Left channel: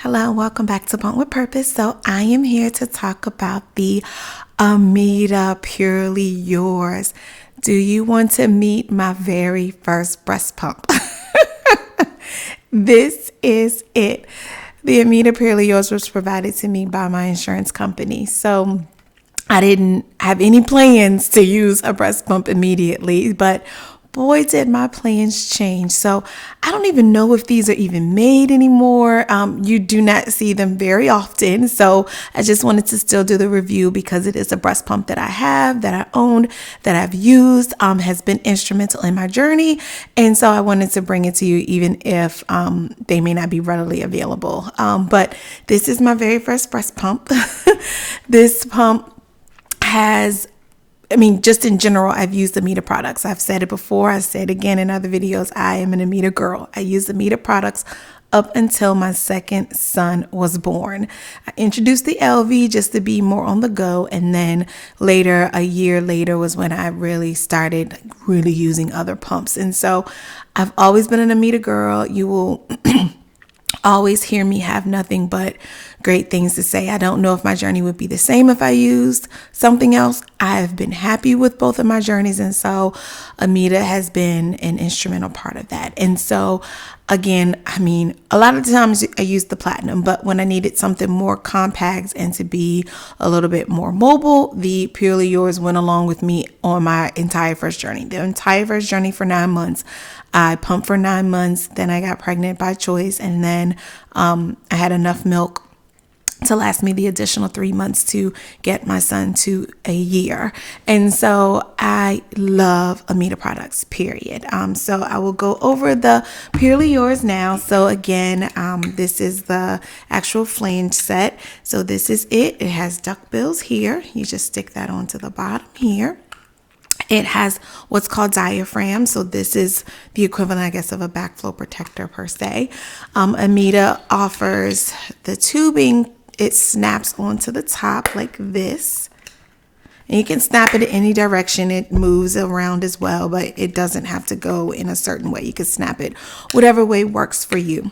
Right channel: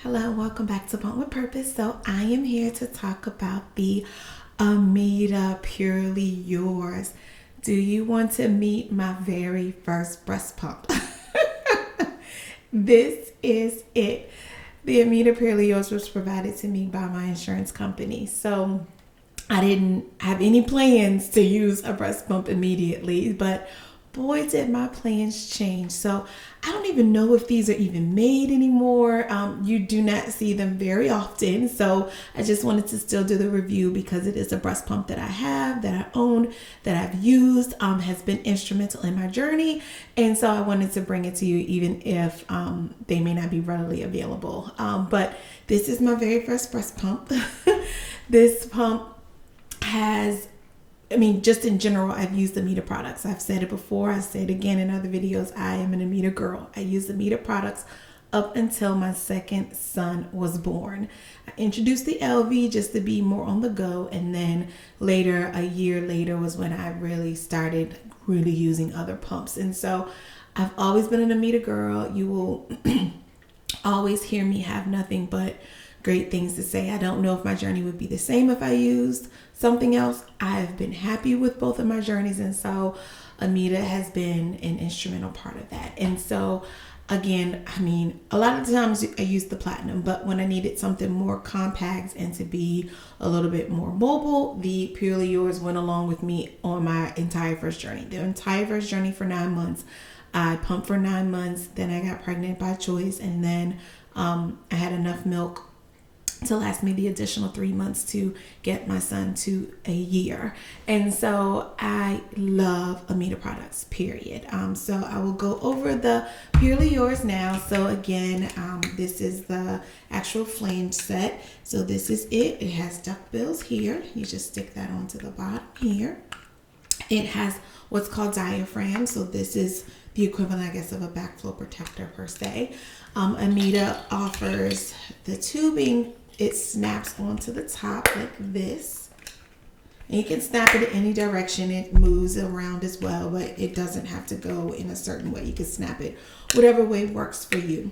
Hello, welcome back to Pump with Purpose. So I am here to talk about the Ameda Purely Yours. Do you want to meet my very first breast pump? This is it. The Ameda Purely Yours was provided to me by my insurance company. So I didn't have any plans to use a breast pump immediately, but boy, did my plans change. So I don't even know if these are even made anymore. You do not see them very often. So I just wanted to still do the review because it is a breast pump that I have, that I own, that I've used, has been instrumental in my journey. And so I wanted to bring it to you even if they may not be readily available. But this is my very first breast pump. This pump just in general, I've used Ameda products. I've said it before. I said again in other videos, I am an Ameda girl. I used Ameda products up until my second son was born. I introduced the LV just to be more on the go. And then later, a year later, was when I really started really using other pumps. And so I've always been an Ameda girl. You will always hear me have nothing but great things to say. I don't know if my journey would be the same if I used something else. I've been happy with both of my journeys, and so Ameda has been an instrumental part of that. And so again, a lot of the times I used the platinum, but when I needed something more compact and to be a little bit more mobile, the Purely Yours went along with me on my entire first journey. The entire first journey for 9 months. I pumped for 9 months, then I got pregnant by choice, and then I had enough milk to last me the additional 3 months to get my son to a year. And so I love Ameda products, period. So I will go over the Purely Yours now. So again, this is the actual flange set. So this is it. It has duckbills here. You just stick that onto the bottom here. It has what's called diaphragm. So this is the equivalent, I guess, of a backflow protector per se. Ameda offers the tubing. It snaps onto the top like this. And you can snap it in any direction. It moves around as well, but it doesn't have to go in a certain way. You can snap it whatever way works for you.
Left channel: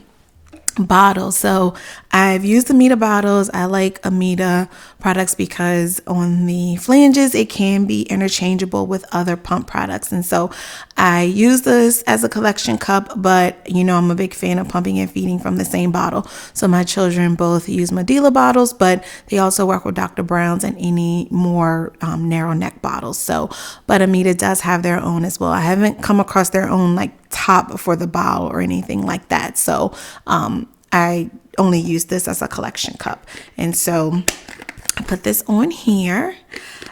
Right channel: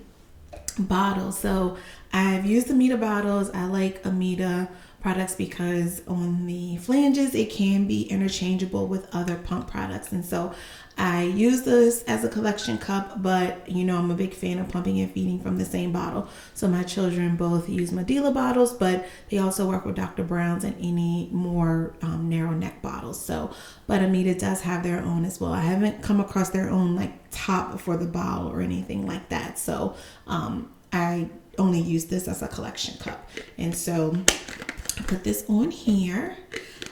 Bottle. So I've used Ameda bottles. I like Ameda products because on the flanges it can be interchangeable with other pump products, and so I use this as a collection cup, but I'm a big fan of pumping and feeding from the same bottle. So my children both use Medela bottles, but they also work with Dr. Brown's and any more narrow neck bottles. So but Ameda does have their own as well. I haven't come across their own like top for the bottle or anything like that. So I only use this as a collection cup. And so I put this on here.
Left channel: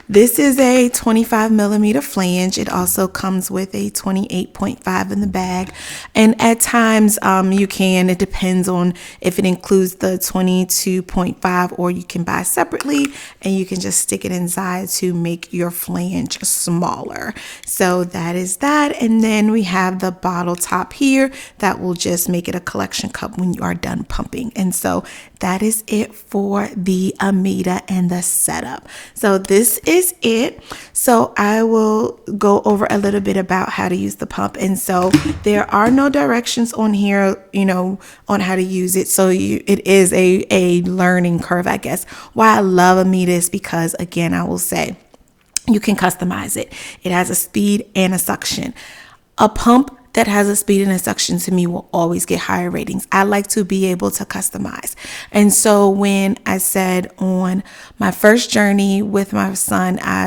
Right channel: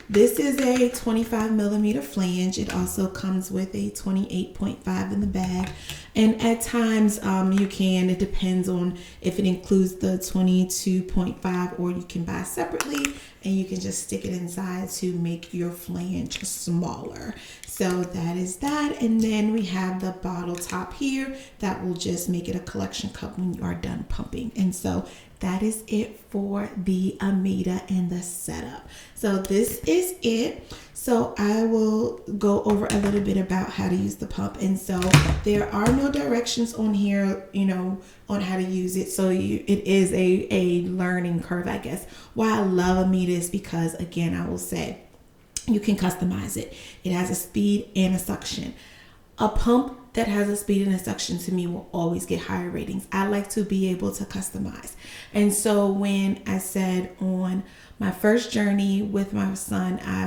This is a 25 millimeter flange. It also comes with a 28.5 in the bag. And at times it depends on if it includes the 22.5, or you can buy separately and you can just stick it inside to make your flange smaller. So that is that. And then we have the bottle top here that will just make it a collection cup when you are done pumping. And so that is it for the Ameda and the setup. So this is it. So I will go over a little bit about how to use the pump. And so there are no directions on here, on how to use it. So it is a learning curve, I guess. Why I love Ameda is because, again, I will say you can customize it. It has a speed and a suction. A pump that has a speed and a suction to me will always get higher ratings. I like to be able to customize. And so when I said on my first journey with my son, I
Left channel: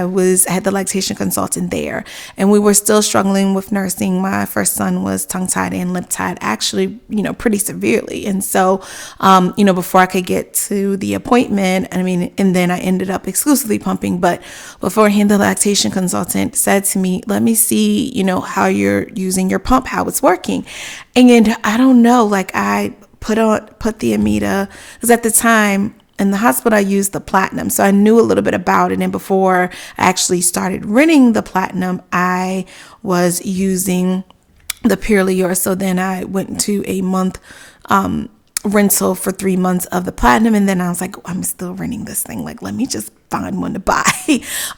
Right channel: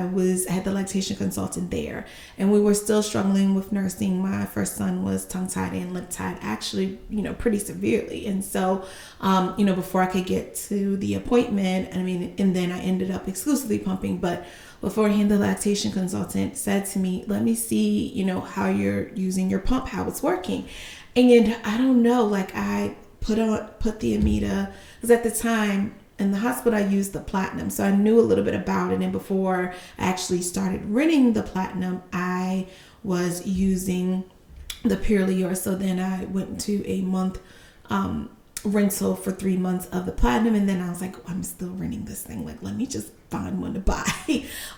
had the lactation consultant there, and we were still struggling with nursing. My first son was tongue tied and lip tied, actually, pretty severely. And so, before I could get to the appointment, and then I ended up exclusively pumping. But beforehand, the lactation consultant said to me, let me see, how you're using your pump, how it's working. And I don't know, I put the Ameda, because at the time in the hospital I used the platinum, so I knew a little bit about it. And before I actually started renting the platinum, I was using the Purely Yours. So then I went to a month rental for 3 months of the platinum, and then I was like, I'm still renting this thing, like let me just find one to buy.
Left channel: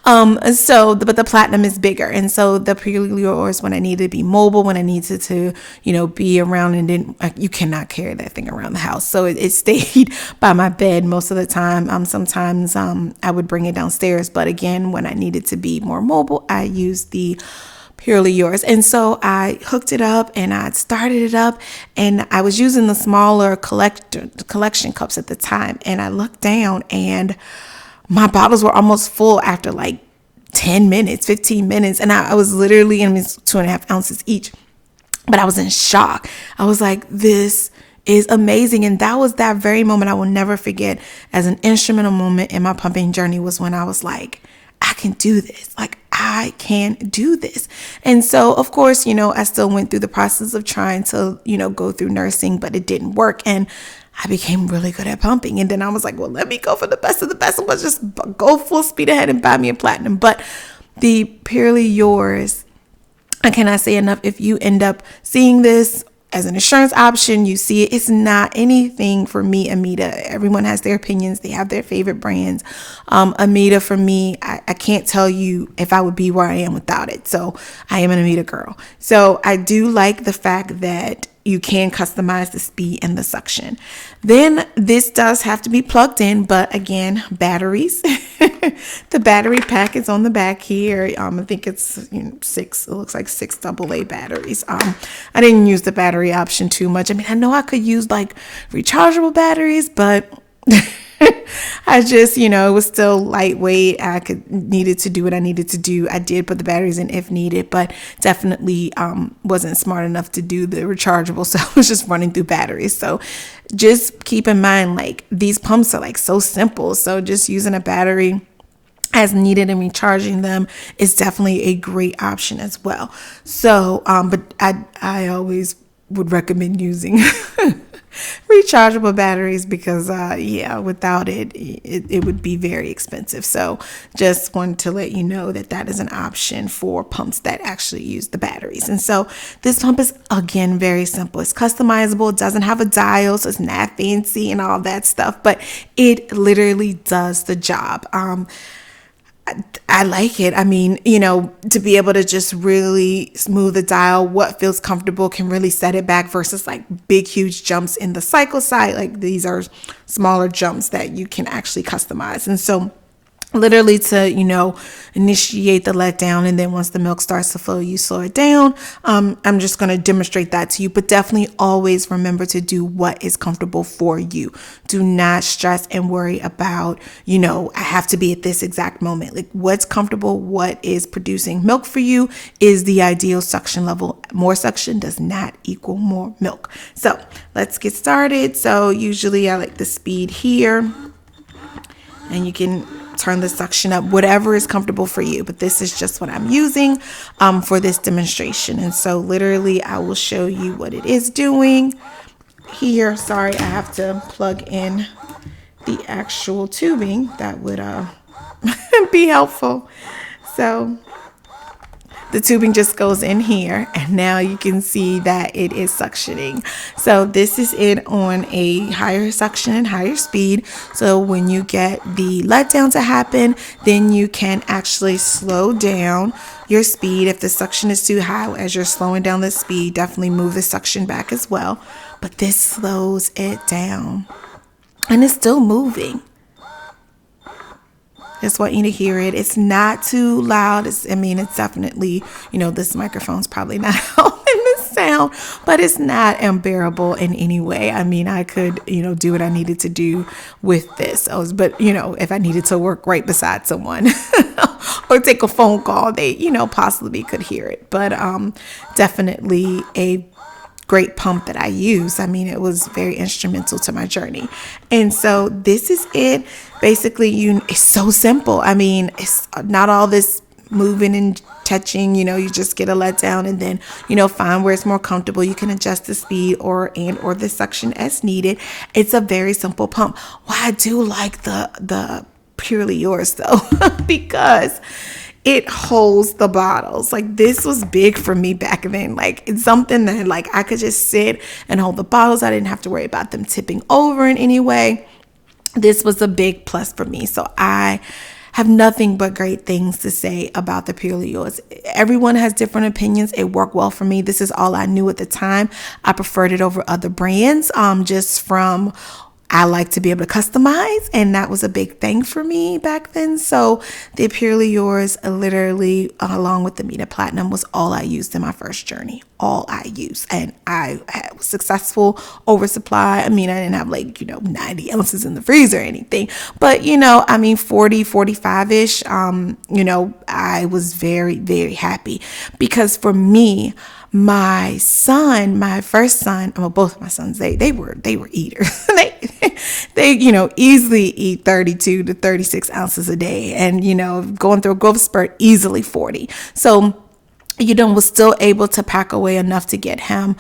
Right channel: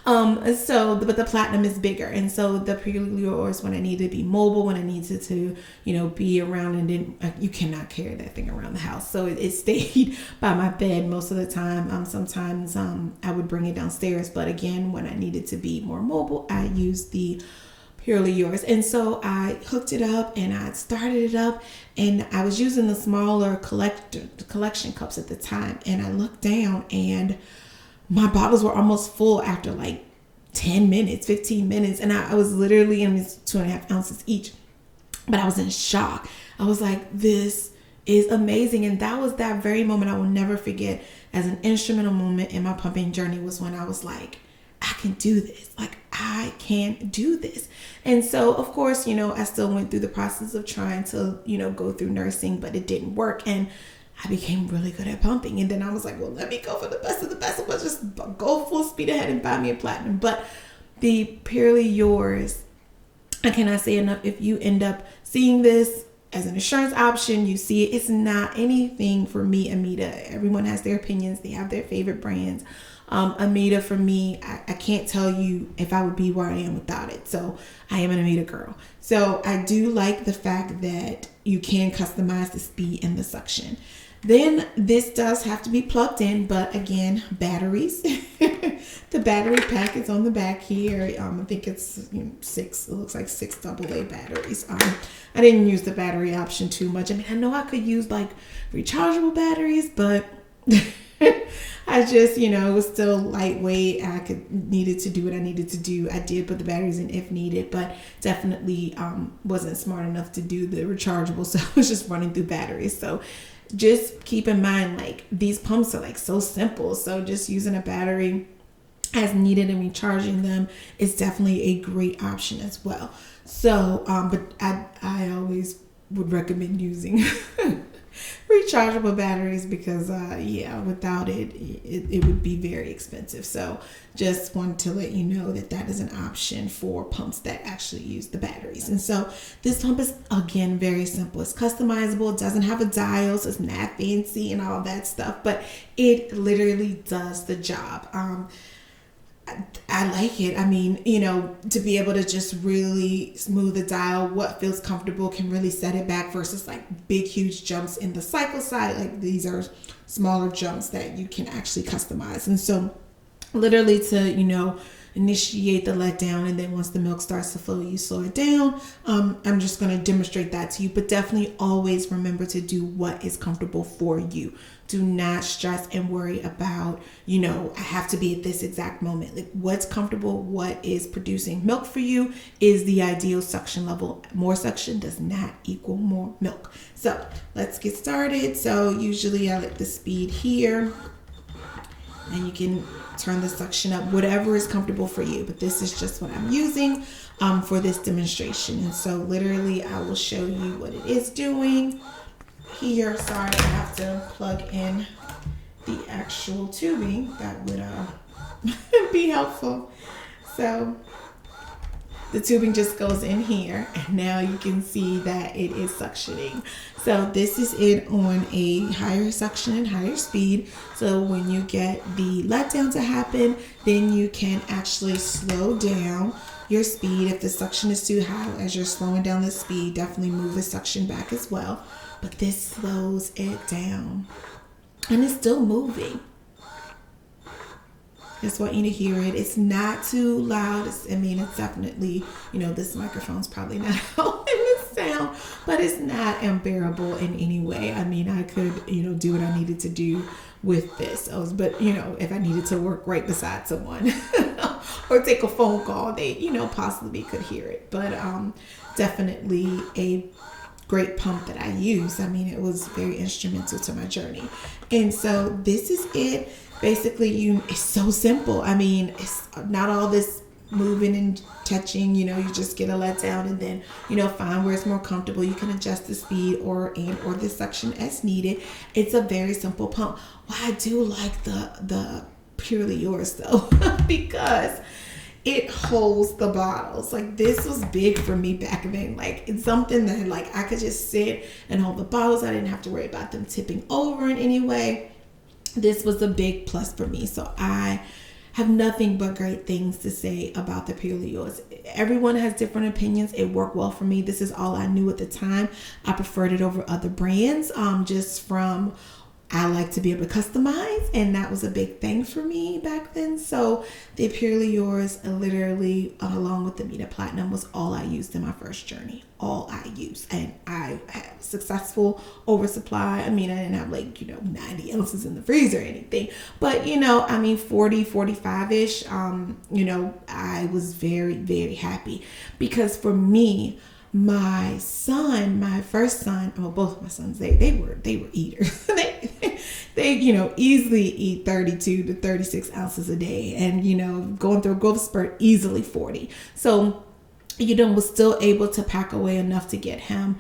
But the platinum is bigger, and so the Purely Yours, when I needed to be mobile, when I needed to be around, and then you cannot carry that thing around the house, so it stayed by my bed most of the time. Sometimes I would bring it downstairs, but again, when I needed to be more mobile, I used the Purely Yours. And so I hooked it up and I started it up, and I was using the smaller collection cups at the time, and I looked down and my bottles were almost full after like 10 minutes, 15 minutes. And I was literally, and it's 2.5 ounces each, but I was in shock. I was like, this is amazing. And that was that very moment I will never forget as an instrumental moment in my pumping journey, was when I was like, I can do this. Like, I can do this. And so, of course, I still went through the process of trying to, go through nursing, but it didn't work. And I became really good at pumping. And then I was like, well, let me go for the best of the best. Let's just go full speed ahead and buy me a platinum. But the Purely Yours, I cannot say enough. If you end up seeing this as an insurance option, you see it, it's not anything for me, Ameda. Everyone has their opinions. They have their favorite brands. Ameda, for me, I can't tell you if I would be where I am without it. So I am an Ameda girl. So I do like the fact that you can customize the speed and the suction. Then this does have to be plugged in, but again, batteries. The battery pack is on the back here. I think it's 6. It looks like 6 AA batteries. I didn't use the battery option too much. I mean, I know I could use like rechargeable batteries, but I just, it was still lightweight. I needed to do what I needed to do. I did put the batteries in if needed, but definitely wasn't smart enough to do the rechargeable. So I was just running through batteries. So just keep in mind, like, these pumps are like so simple. So just using a battery as needed and recharging them is definitely a great option as well. So, but I always would recommend using rechargeable batteries because without it would be very expensive. So just wanted to let you know that is an option for pumps that actually use the batteries. And so this pump is, again, very simple. It's customizable. It doesn't have a dial, so it's not fancy and all that stuff, but it literally does the job. I like it. I mean, to be able to just really smooth the dial, what feels comfortable, can really set it back versus like big, huge jumps in the cycle side. Like, these are smaller jumps that you can actually customize. And so literally to, initiate the letdown, and then once the milk starts to flow, you slow it down. I'm just going to demonstrate that to you, but definitely always remember to do what is comfortable for you. Do not stress and worry about, I have to be at this exact moment. Like, what's comfortable, what is producing milk for you is the ideal suction level. More suction does not equal more milk. So let's get started. So usually I like the speed here, and you can turn the suction up, whatever is comfortable for you. But this is just what I'm using for this demonstration. And so literally I will show you what it is doing here. Sorry, I have to plug in the actual tubing. That would be helpful. So the tubing just goes in here, and now you can see that it is suctioning. So this is it on a higher suction and higher speed. So when you get the letdown to happen, then you can actually slow down your speed. If the suction is too high, as you're slowing down the speed, definitely move the suction back as well. But this slows it down, and it's still moving. Just want you to hear it. It's not too loud. It's definitely, this microphone's probably not helping the sound, but it's not unbearable in any way. I mean, I could, do what I needed to do with this. But if I needed to work right beside someone or take a phone call, they, possibly could hear it. But definitely a great pump that I use. I mean, it was very instrumental to my journey. And so this is it. Basically, it's so simple. I mean, it's not all this moving and touching, you just get a letdown and then, find where it's more comfortable. You can adjust the speed or the suction as needed. It's a very simple pump. Well, I do like the Purely Yours though, because it holds the bottles. Like, this was big for me back then. Like, it's something that like I could just sit and hold the bottles. I didn't have to worry about them tipping over in any way. This was a big plus for me. So I have nothing but great things to say about the Purely Yours. Everyone has different opinions. It worked well for me. This is all I knew at the time. I preferred it over other brands, just from I like to be able to customize, and that was a big thing for me back then. So the Purely Yours, literally, along with the Ameda Platinum, was all I used in my first journey. All I used, and I was successful. Oversupply. I mean, I didn't have 90 ounces in the freezer or anything, but 40, 45-ish. I was very, very happy, because for me, my first son, well, both of my sons, they were eaters. they easily eat 32 to 36 ounces a day, and going through a growth spurt, easily 40. So was still able to pack away enough to get him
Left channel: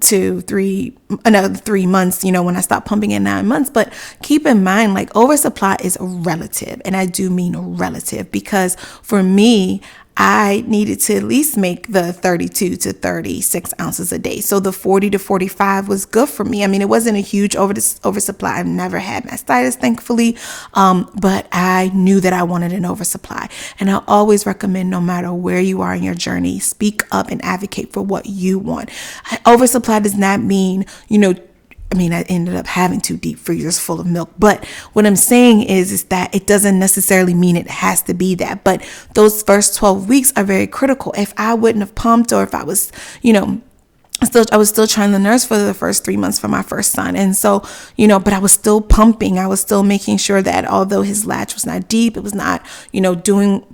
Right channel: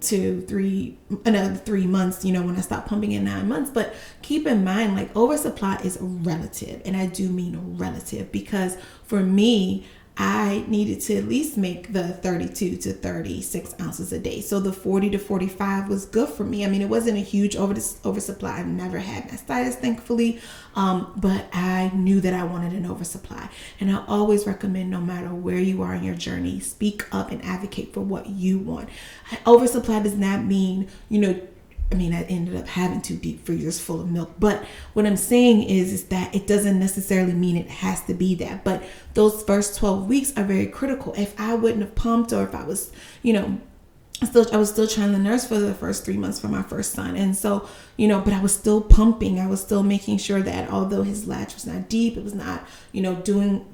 to another 3 months, when I stopped pumping in 9 months. But keep in mind, like, oversupply is relative, and I do mean relative, because for me, I needed to at least make the 32 to 36 ounces a day. So the 40 to 45 was good for me. I mean, it wasn't a huge oversupply. I've never had mastitis, thankfully, but I knew that I wanted an oversupply. And I always recommend, no matter where you are in your journey, speak up and advocate for what you want. Oversupply does not mean, I ended up having 2 deep freezers full of milk. But what I'm saying is that it doesn't necessarily mean it has to be that. But those first 12 weeks are very critical. If I wouldn't have pumped, or if I was, I was still trying to nurse for the first 3 months for my first son. And so, but I was still pumping. I was still making sure that although his latch was not deep, it was not,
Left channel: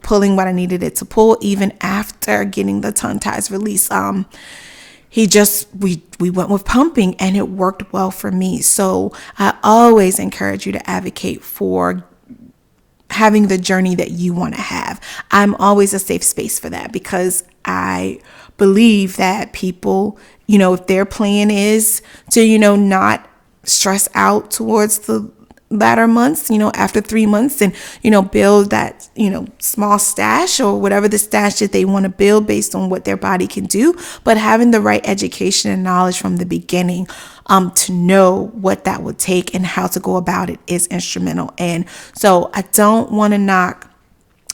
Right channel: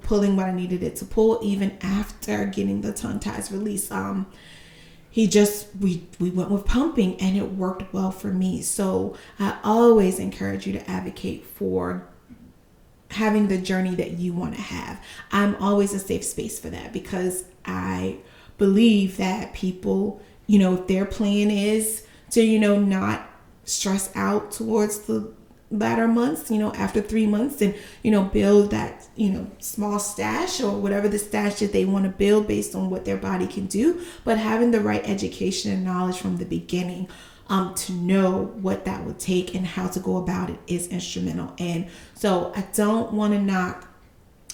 pulling what I needed it to pull, even after getting the tongue ties released. We went with pumping, and it worked well for me. So I always encourage you to advocate for having the journey that you want to have. I'm always a safe space for that, because I believe that people, if their plan is to, not stress out towards the latter months, after 3 months, and, build that, small stash, or whatever the stash that they want to build based on what their body can do. But having the right education and knowledge from the beginning, to know what that would take and how to go about it, is instrumental. And so I don't want to knock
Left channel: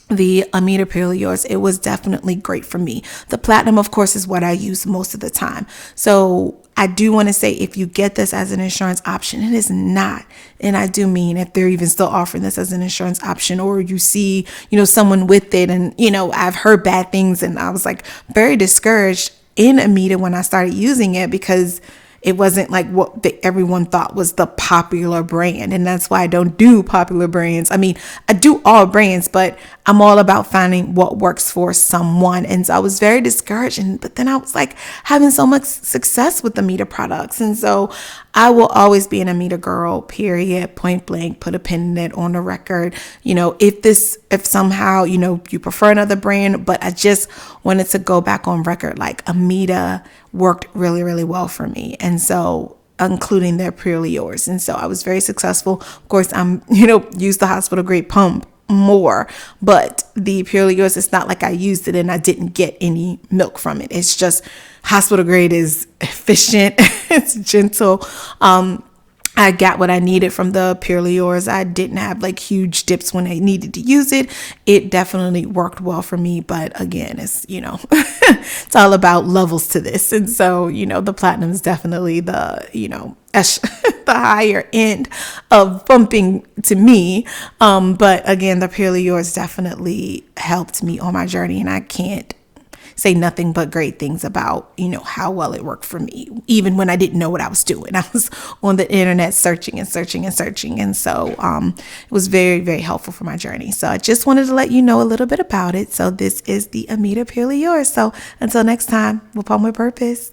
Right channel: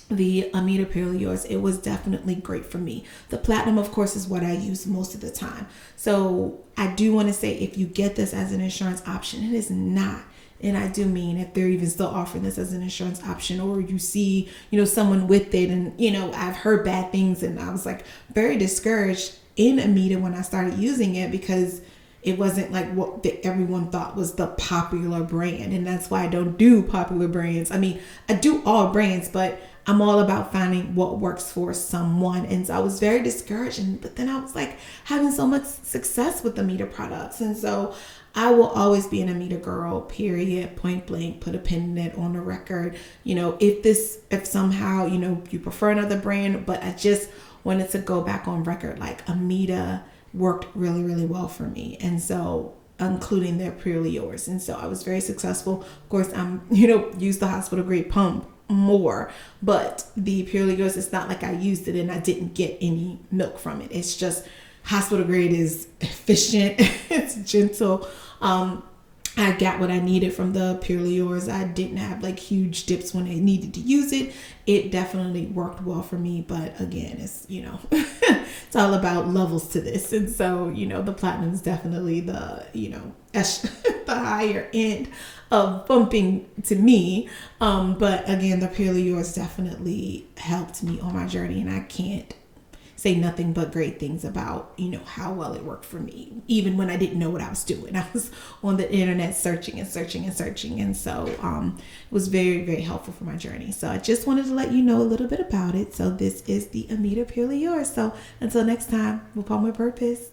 the Ameda Purely Yours. It was definitely great for me. The Platinum, of course, is what I use most of the time. So I do want to say, if you get this as an insurance option, it is not. And I do mean, if they're even still offering this as an insurance option, or you see, someone with it, and, I've heard bad things, and I was like very discouraged in Ameda when I started using it, because it wasn't like what everyone thought was the popular brand. And that's why I don't do popular brands. I mean, I do all brands, but I'm all about finding what works for someone. And so I was very discouraged. But then I was like having so much success with the Ameda products. And so I will always be an Ameda girl, period, point blank, put a pin in it on the record. If somehow, you prefer another brand, but I just wanted to go back on record, like, Ameda worked really, really well for me. And so, including their Purely Yours. And so I was very successful. Of course, I'm, used the hospital grade pump more, but the Purely Yours, it's not like I used it and I didn't get any milk from it. It's just hospital grade is efficient. It's gentle. I got what I needed from the Purely Yours. I didn't have huge dips when I needed to use it. It definitely worked well for me. But again, it's, it's all about levels to this. And so, the Platinum is definitely the, the higher end of pumping to me. But again, the Purely Yours definitely helped me on my journey. And I can't say nothing but great things about, how well it worked for me, even when I didn't know what I was doing. I was on the internet searching and searching and searching. And so it was very, very helpful for my journey. So I just wanted to let you know a little bit about it. So this is the Ameda Purely Yours. So until next time, we'll pump with purpose.